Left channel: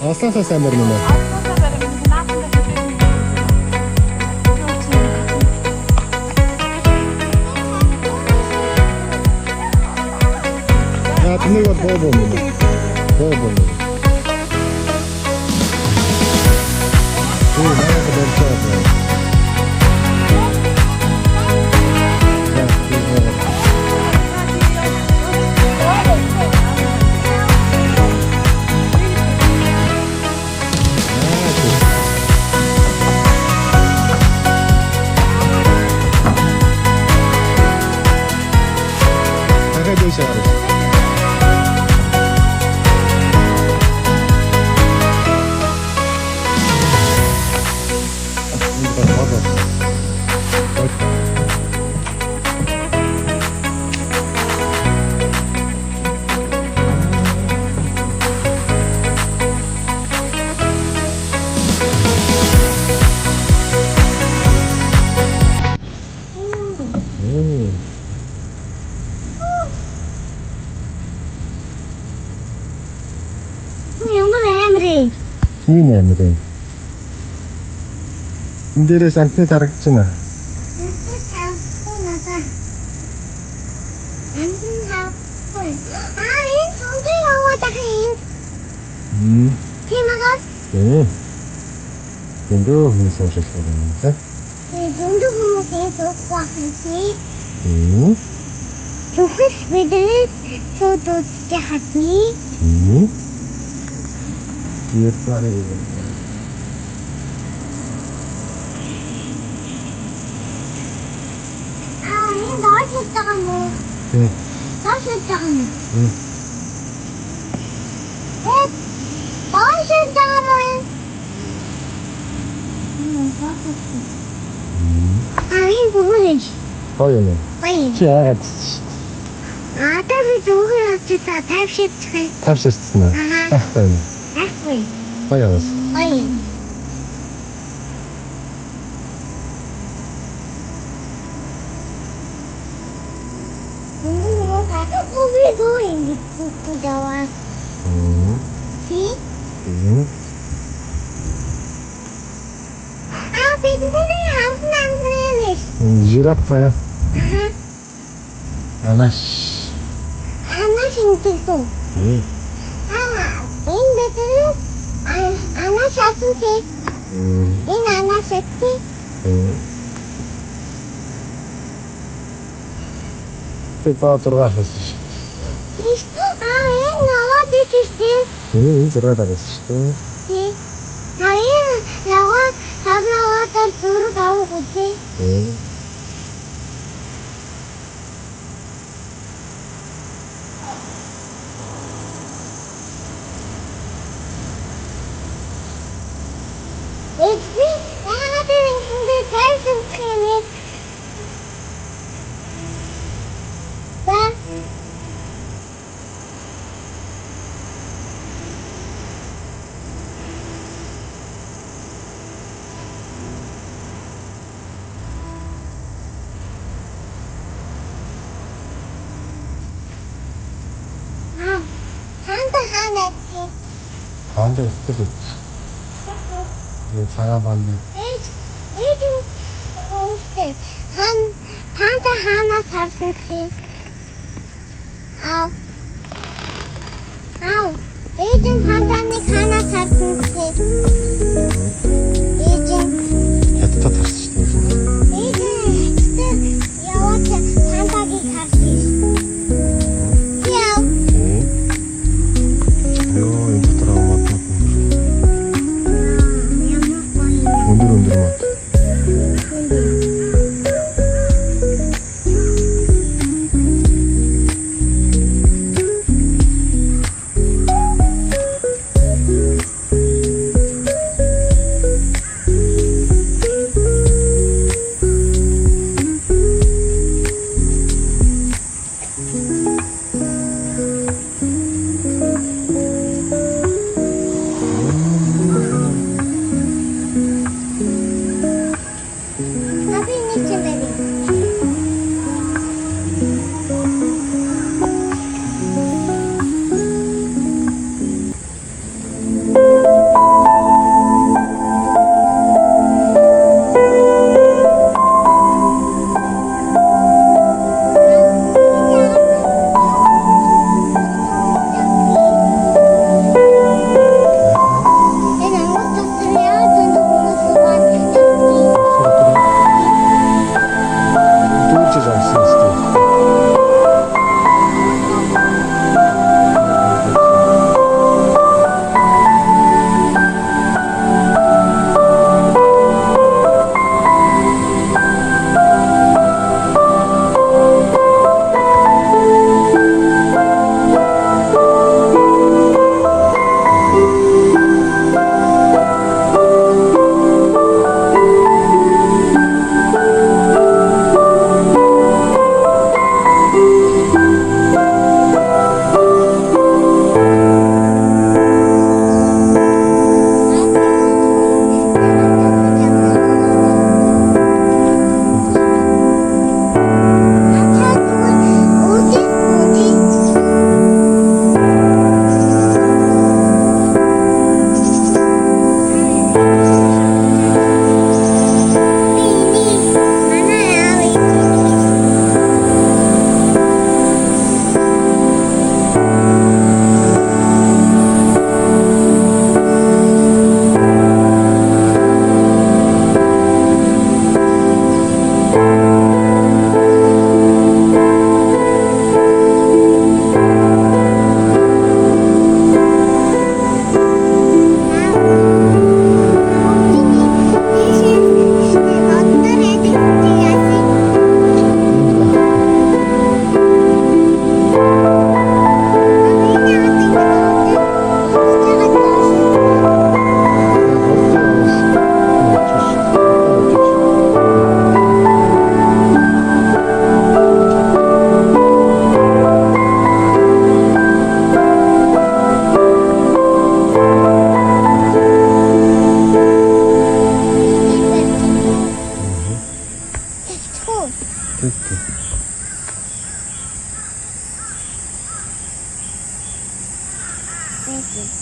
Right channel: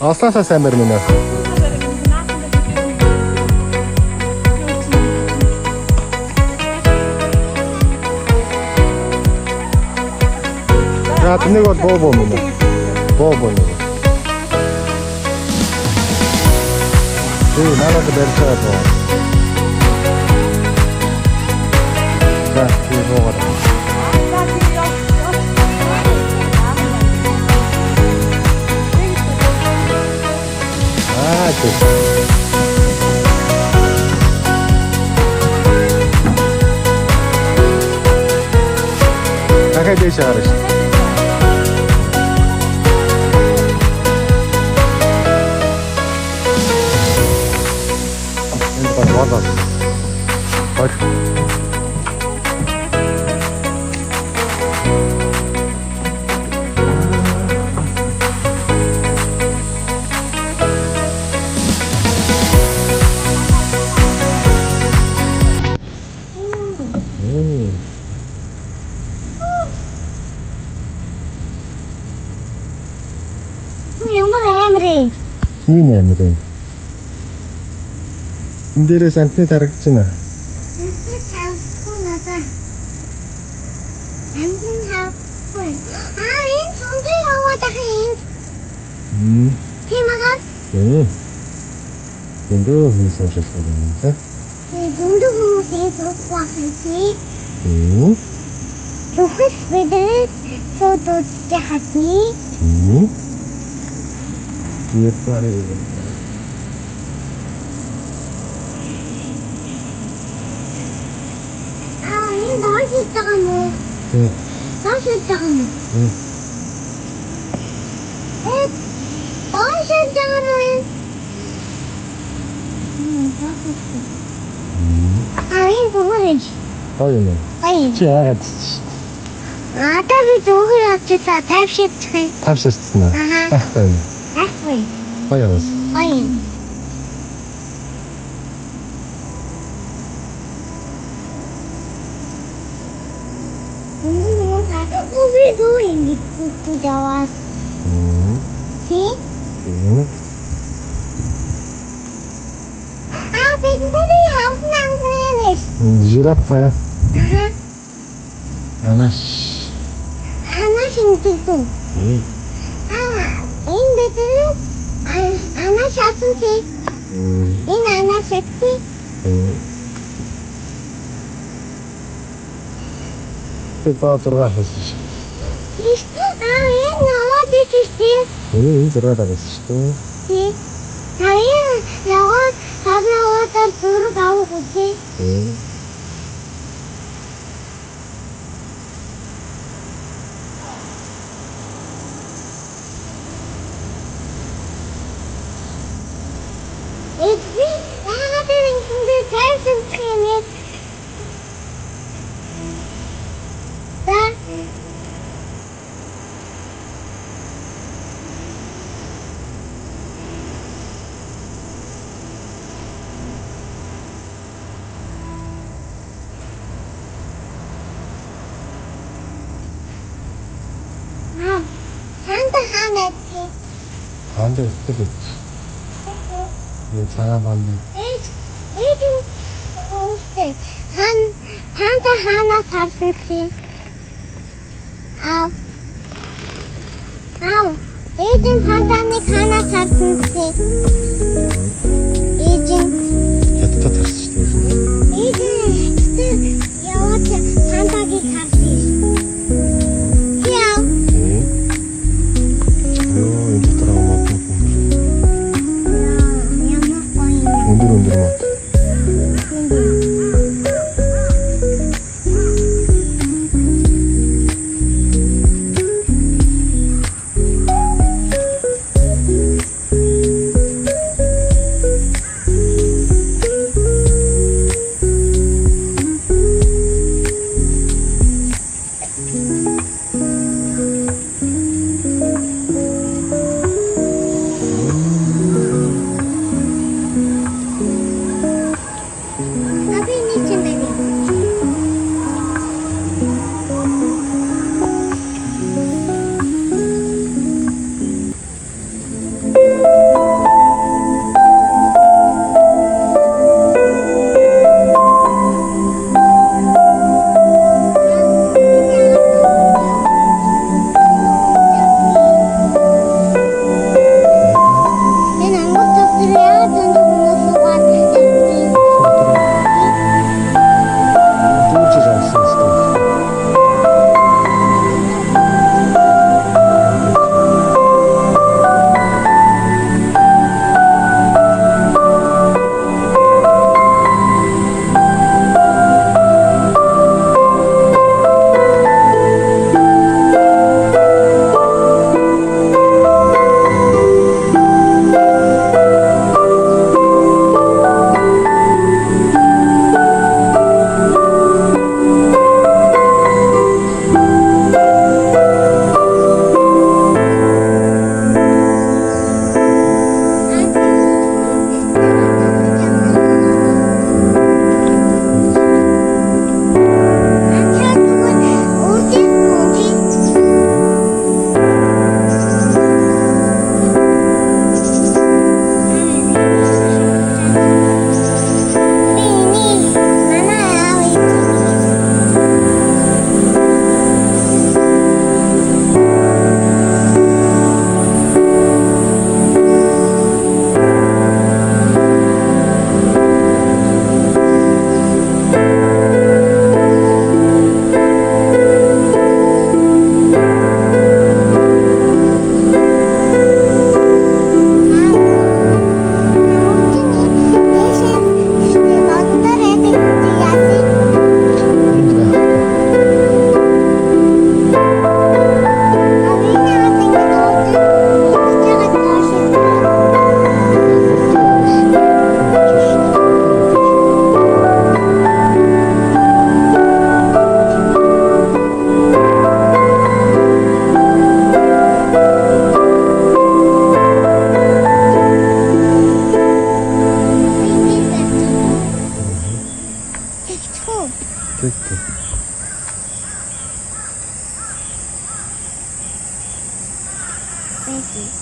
Олсоосоо сайн барьна. Нэг бол боо мөн. Боо. Надад барьцаа боо. Дахиад дэше гарах. Ийм амирын. Энд дээрээс антны харагдаж байна. Дэндүү хүмүүс уушилдаг юм байна. Дэндүү хүмүүс уушилдаг юм. Зүхс бидний суудж хатны. Япарэ. Энэ доошлдог юм уу? Доошлдог юм уу? Доошлдог юм уу? Энэ бүгд. Гоё юм. Чи яагаад? Би зүгээр очиж тавьширчих. Тавьширсан уу? Ахтай. Гоё юм. We're going to the house. See? I'll be in the house now. Жирафа. Анаш in the in the Anna Shassi. In Anna Shassi. Петр Anda istedi. Sana bandı. Hana sarsın. Al. Eğitim hana sarsın. Yatıta tartıştı. Eğitim yavaş hantaki sarsın. Тэтэ. Thank you.